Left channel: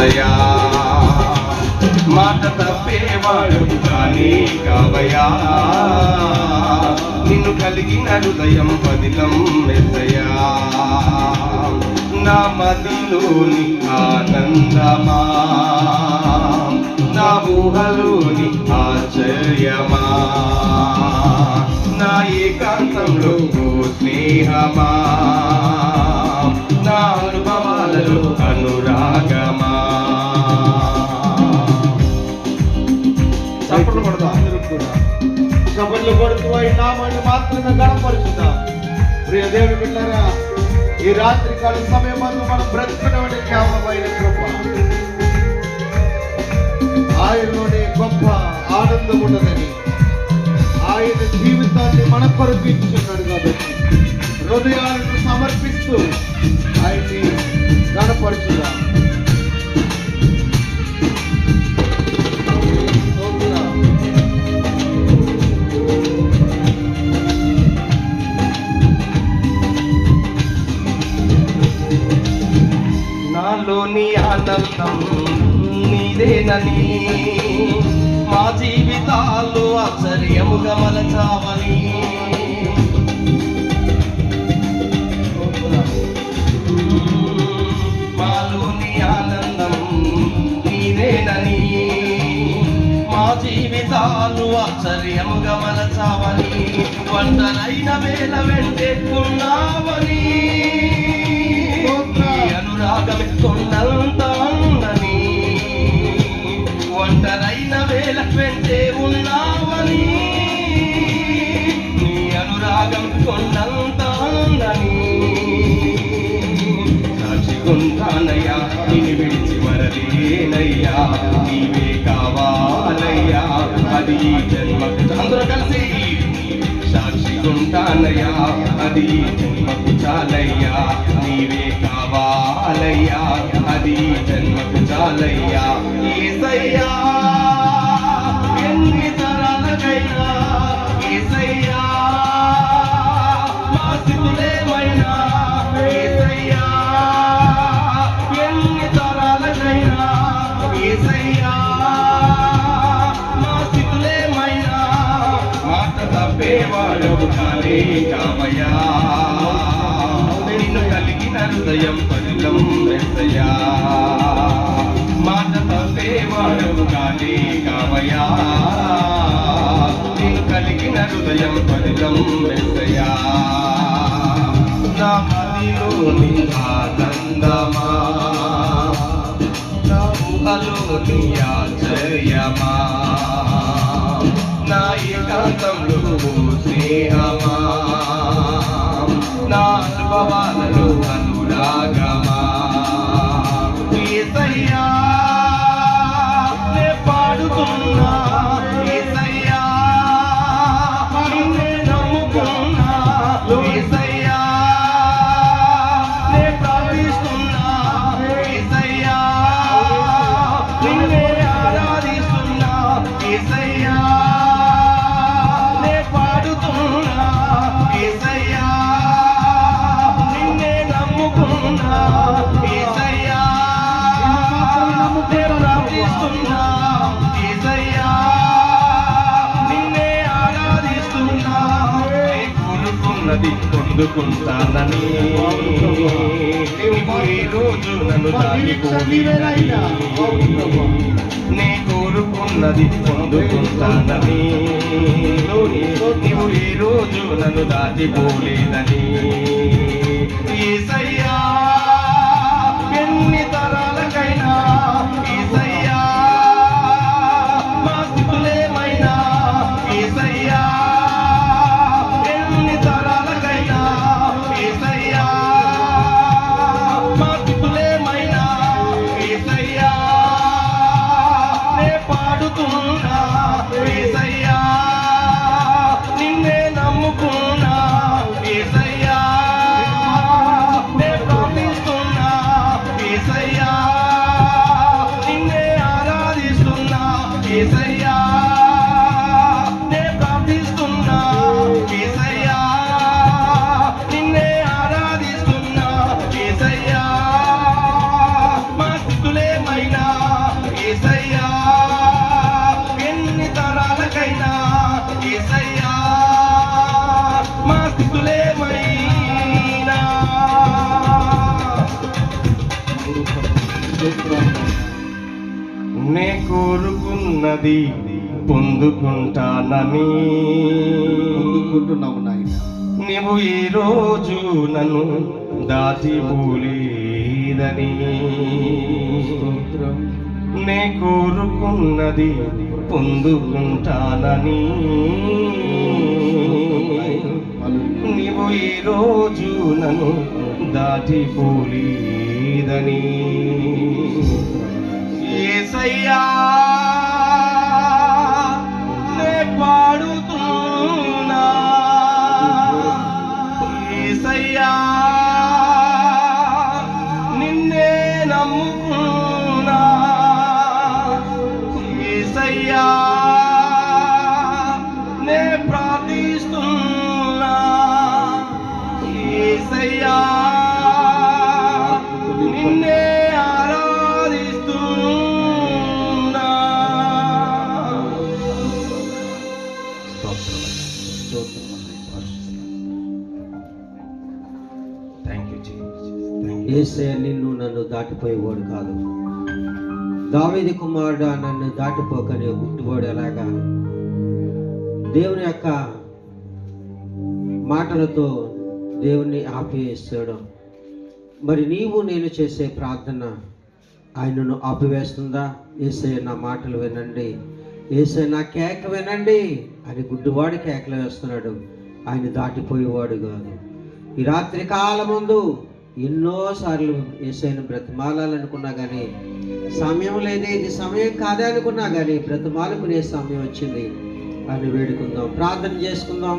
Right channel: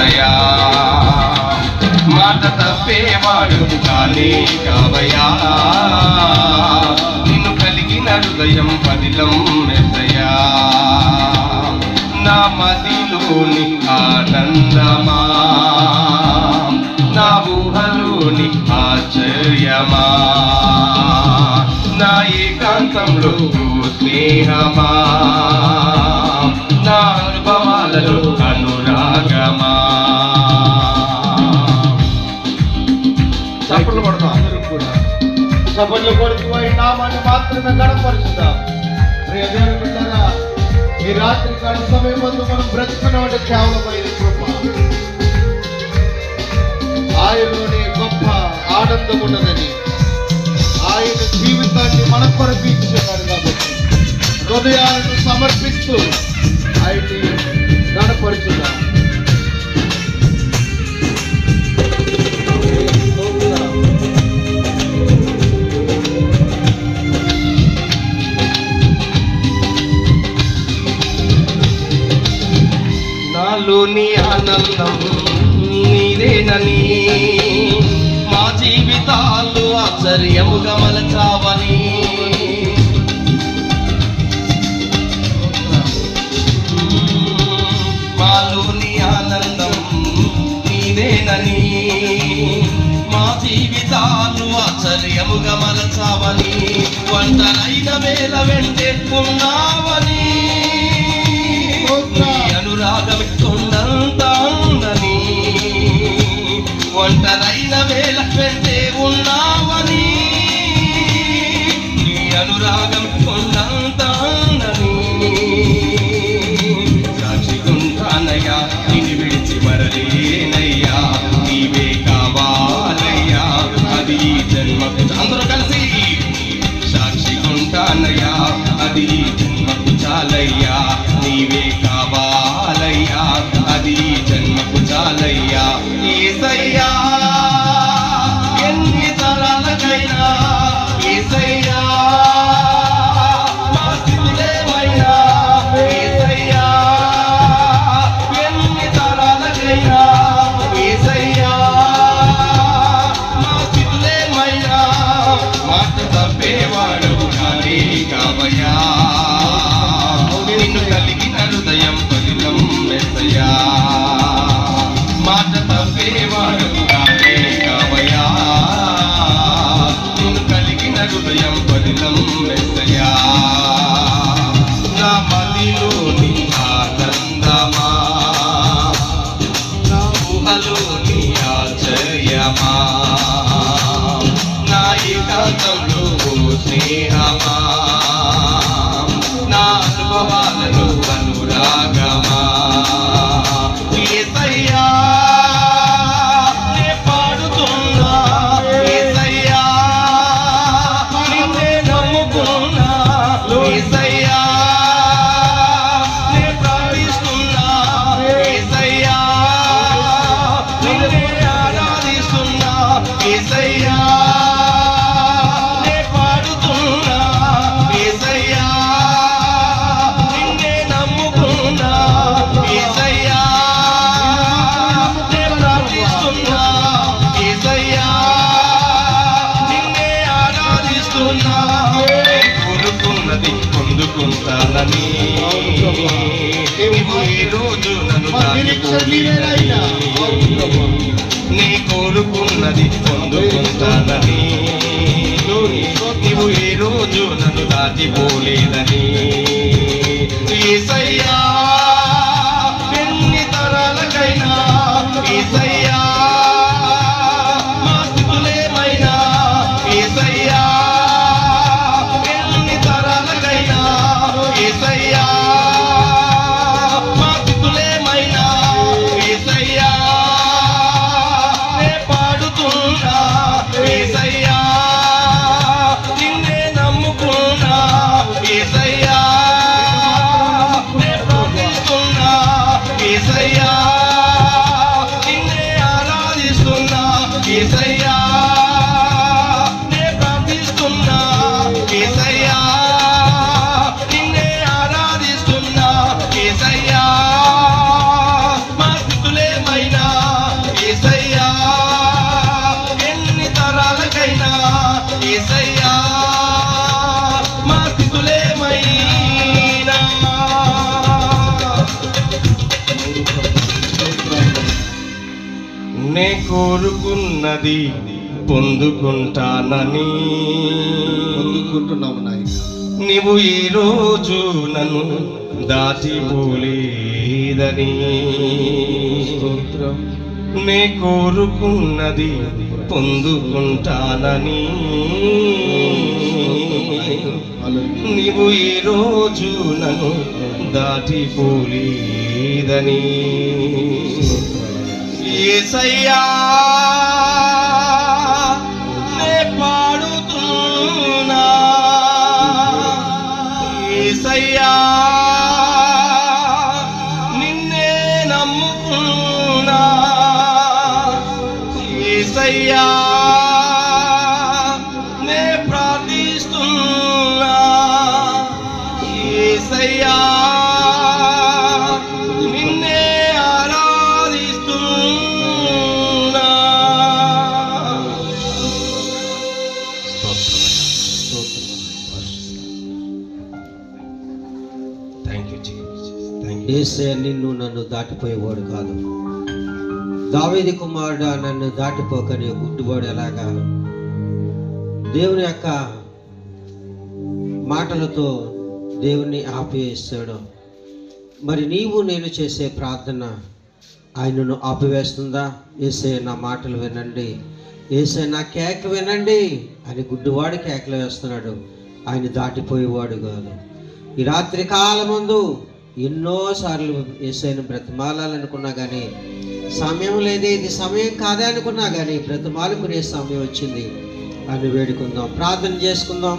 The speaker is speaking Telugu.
మెస్సయా మాట తప్పేవాడు కానీ కావయా నిన్ను కలిగిన హృదయం పదిలం మెస్సయా నా మదిలోని ఆనందమా నా ఊహలోని ఆశ్చర్యమా నా ఏకాంతంలో స్నేహమా నా అనుభవాలలో అనురాగమా సభలు కొడుతూ నామాన్ని మాత్రమే గణపరుచుతాం. ప్రియ దేవుని బిడ్డలారా, ఈ రాత్రి కాల సమయం మనం బ్రతుకున్నాడు కేవలమైన కృప. ఆయనలోనే గొప్ప ఆనందం ఉన్నదని ఆయన జీవితాన్ని మన కొరకు ఇస్తున్నాడు కాబట్టి హృదయాలను సమర్పిస్తూ ఆయన్ని గణపరుచుతాం. నాలోని ఆనందం నీదేనని మా జీవితాలు ఆశ్చర్యముగా మలచావని మాలోని ఆనందం నీదేనని మా జీవితాలు ఆశ్చర్యముగా మలచావని వంటరైన వేల వెంటే ఉన్నావని కొండంత ఉందని ఒంటరైన వేల వెంటే ఉన్నావని నీ అనురాగం కొండంత ఉందని సాక్షికుంటానయ్యా నిన్ను విడిచి మరలేనయ్యా నీవే కావాలయ్యా అది ఈ జన్మకు అందరూ కలిసి సాక్షికుంటానయ్యా అది ఈ జన్మకు చాలయ్యా నీవే కావాలయ్యా అది జన్మకు చాలయ్యా యేసయ్యా ఎన్ని తరాలకైనా యేసయ్యా మా స్థితులేమైనా యేసయ్యా ఎన్ని తరాలకైనా యేసయ్యా మా స్థితులేమైనా మాట తప్పేవాడు కానే కావయ్యా నిన్ను కలిగిన హృదయం పదిలం మెస్సయా మాట తప్పేవాడు కానే కావయ్యా నిన్ను కలిగిన హృదయం పదిలం మెస్సయా నా మదిలోని ఆనందమా నా ఊహలోని ఆశ్చర్యమా నా ఏకాంతంలో స్నేహమా నా అనుభవాలలో అనురాగమా యేసయ్యా నే పాడుతున్నా యేసయ్యా నిన్నే నమ్ముకున్నా యేసయ్యా నే ప్రార్థిస్తున్నా యేసయ్యా నిన్నే ఆరాధిస్తున్నా యేసయ్యా నే పాడుతున్నా యేసయ్యా నిన్నే నమ్ముకున్నా యేసయ్యా నే ప్రార్థిస్తున్నా యేసయ్యా నిన్నే ఆరాధిస్తున్నా కోరుకున్నది పొందుకుంటానని ఈ రోజు నన్ను దాటిపోలేదని నే కోరుకున్నది పొందుకుంటానని నీవు ఏ రోజు నన్ను దాటిపోలేదని యేసయ్యా ఎన్ని తరాలకైనా యేసయ్యా మా స్థితులేమైనా యేసయ్యా ఎన్ని తరాలకైనా యేసయ్యా మా స్థితులేమైనా యేసయ్యా నే పాడుతున్నా యేసయ్యా నిన్నే నమ్ముకున్నా యేసయ్యా స్థితులేమైనా యేసయ్యా, ఎన్ని తరాలకైనా యేసయ్యా, మా స్థితులేమైనా. నే కోరుకున్నది పొందుకుంటానని పొందుకుంటున్నాము నాయన. నీవు ఈ రోజు నన్ను దాటిపోలేదని. స్తోత్రం. నే కోరుకున్నది పొందుకుంటానని నీవు ఈ రోజు నన్ను దాటిపోలేదని. యేసయ్యా, నే పాడుతున్నా, యేసయ్యా, నిన్నే నమ్ముకున్నా, యేసయ్యా, నే ప్రార్థిస్తున్నా, యేసయ్యా, నిన్నే ఆరాధిస్తున్నా. Thank you Jesus, thank you. Yesayya నిన్ను నన్ను దాటిపోయేవాడు కాదు. దావీదు కుమారుడా, నన్ను దాటిపోకని గుడ్డివాడు ఎలాగా దేవుని యొక్క మాటలతో దేవుని ఆపివేస్తాడు. మరి నీవు నేను చేసే ప్రార్థన ఆయనను ఆపివేస్తుందా? యేసయ్య నా మాటలు వినండి, యేసయ్య నా కేక వినండి అని గుడ్డివాడు కేకలు వేస్తున్నాడు. ఆయన దాటిపోయేవాడు కాదు. ఈ రాత్రి కాలమందు ఎన్నోసార్లు యేసయ్యను బ్రతిమాలాలనుకున్నా కానీ సమయం లేదే, ఇది సమయం కాదే అనుకున్నా కానీ బ్రతిమాలుకునే సమయం వచ్చింది అని వేడుకుందాం, ప్రార్థన చేసుకుందాం.